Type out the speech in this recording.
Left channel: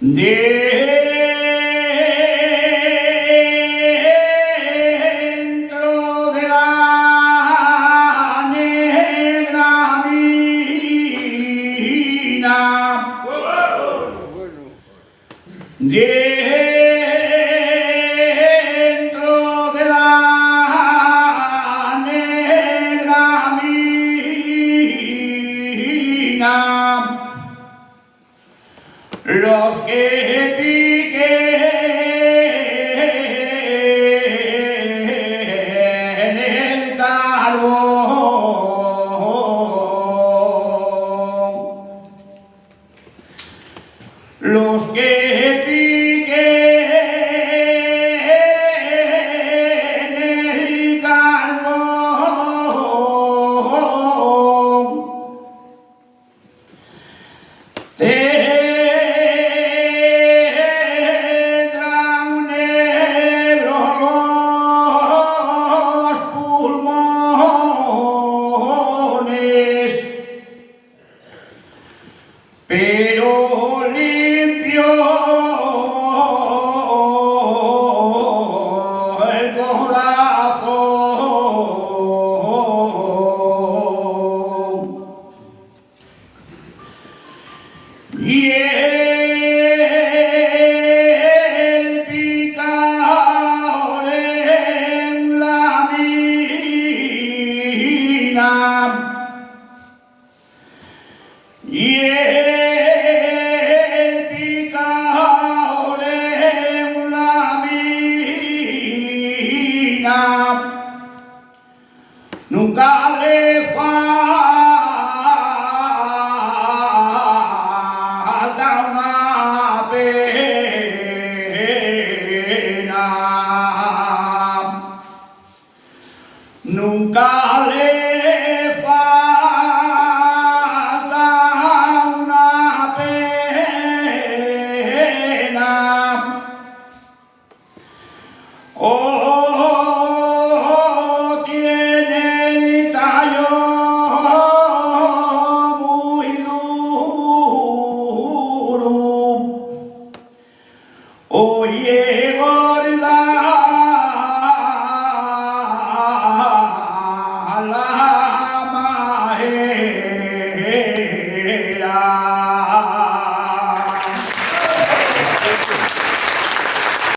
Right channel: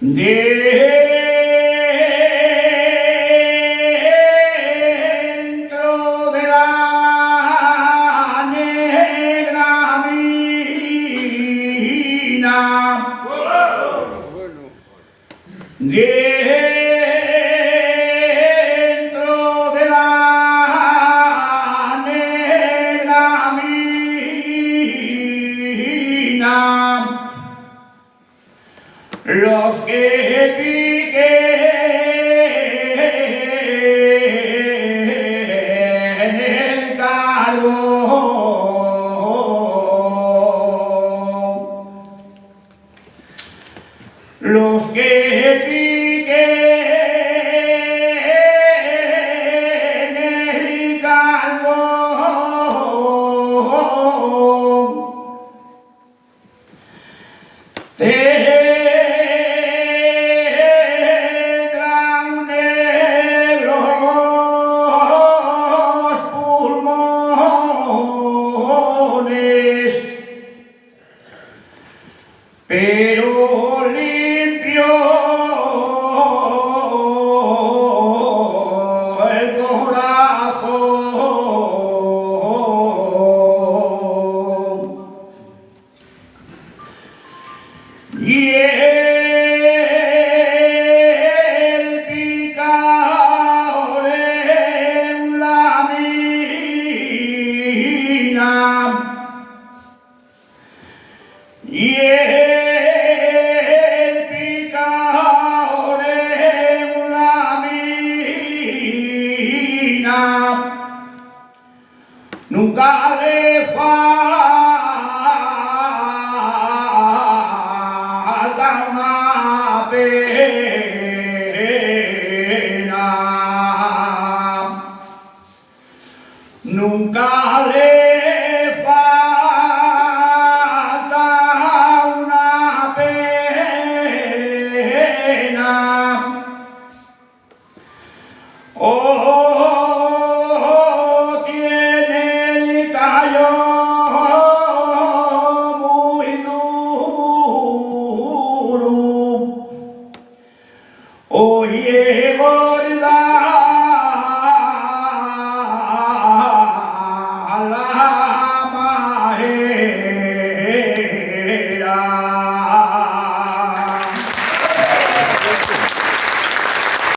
Dentro de la negra mina, dentro de la negra mina, los que piquen el carbón, los que piquen el carbón, tendrán negros los pulmones, pero limpio el corazón. Y el picador en la mina, y el picador en la mina nunca le falta una pena, nunca le